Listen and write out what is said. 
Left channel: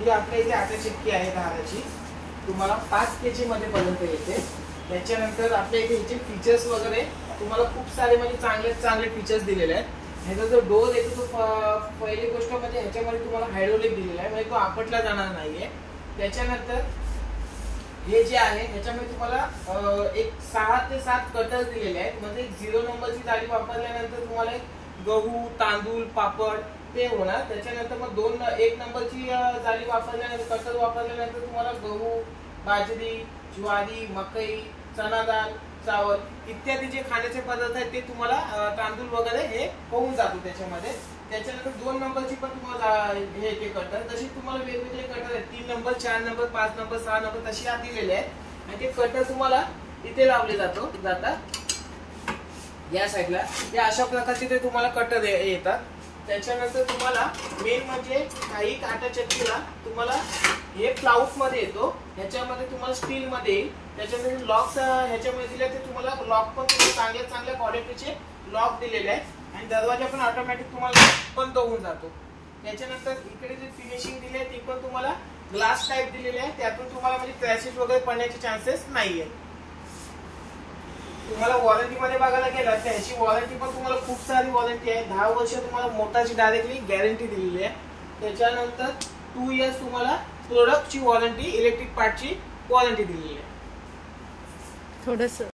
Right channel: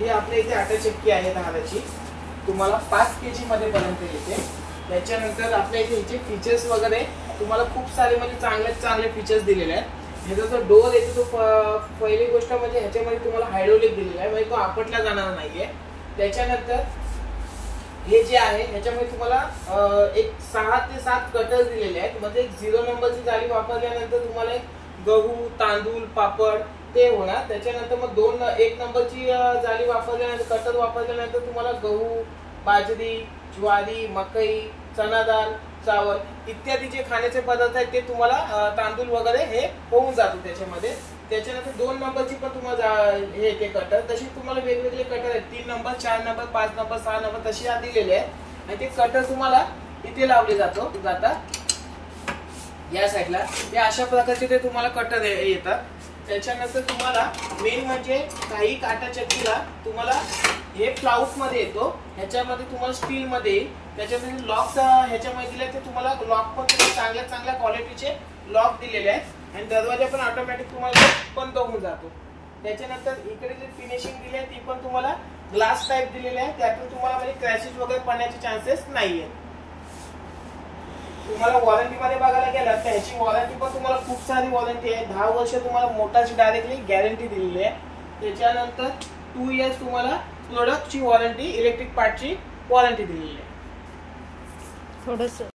ही आपल्या इथे आटा चक्की आहे धानाची, तुम्हाला 5 kg मध्ये पर्यंत येते। त्याच्यानंतर आपल्या इथे ह्याचे फीचर्स वगैरे तुम्हाला खूप सारे म्हणजे चांगले फीचर्स दिलेले आहेत। ह्याचा जो डोअर येतो तो पहिली गोष्ट म्हणजे ह्याच्यामध्ये तुम्हाला हायड्रोलिक दिलेला आहे, म्हणजे तो आपटला जाणार नाहीये। त्याच्यानंतर हे जे आहे ह्याच्यामध्ये तुम्हाला एक 6 ते 7 कटर दिलेले आहेत, म्हणजे एक 0 नंबरची जाळी वापरल्यानंतर तुम्हाला गहू तांदूळ पापड ते होणार। त्याच्यानंतर मग 1 नंबरची जाळी वापरल्यानंतर कटर वापरल्यानंतर तुम्हाला गहू बाजरी ज्वारी मकई चना डाळ चावल इत्यादी जे खाण्याचे पदार्थ आहेत ते तुम्हाला तांदूळ वगैरे हे होऊन जातो त्याच्यामध्ये। त्याच्यानंतर 2 नंबरची पण तुम्हाला हे ते कटर, तशी तुम्हाला वेगवेगळे कटर आहेत, 3 नंबर 4 नंबर 5 नंबर 6 नंबर तशी दिलेले आहेत। आणि ते कटर तुम्हाला इथे लावले जातात या साईडला, हे अशा प्रकारचे ते तुम्हाला कटर येतात। त्याच्यानंतर तुम्हाला मेन म्हणजे काही आटा चक्कीला तुम्हाला हे प्लाउट मध्ये येतो, ह्याच्यामध्ये तुम्हाला स्टील मध्ये येईल। त्याच्यामध्ये लॉक ह्याच्यामध्ये दिले ते तुम्हाला लॉक पण चांगल्या क्वालिटीचे लॉक दिलेले आहेत आणि दरवाजा पण ऑटोमॅटिक तुम्हाला बंद होऊन जातो। त्याच्यानंतर इकडे जे फिनिशिंग दिली आहे ती पण तुम्हाला ग्लास टाइप दिलेले आहे, त्यातून तुम्हाला म्हणजे क्रॅशेस वगैरे पडण्याचे चान्सेस नाहीये। तुम्हाला वॉरंटी मध्ये बघायला गेलं तर ह्याची वॉरंटी पण तुम्हाला खूप सारी वॉरंटी आहे। 10 वर्ष तुम्हाला मोटरची डायरेक्टली गॅरंटी दिलेली आहे। त्याच्यानंतर 2 इयर्स तुम्हाला प्रोडक्टची वॉरंटी इलेक्ट्रिक पार्टची वॉरंटी दिलेली आहे। थोडंसं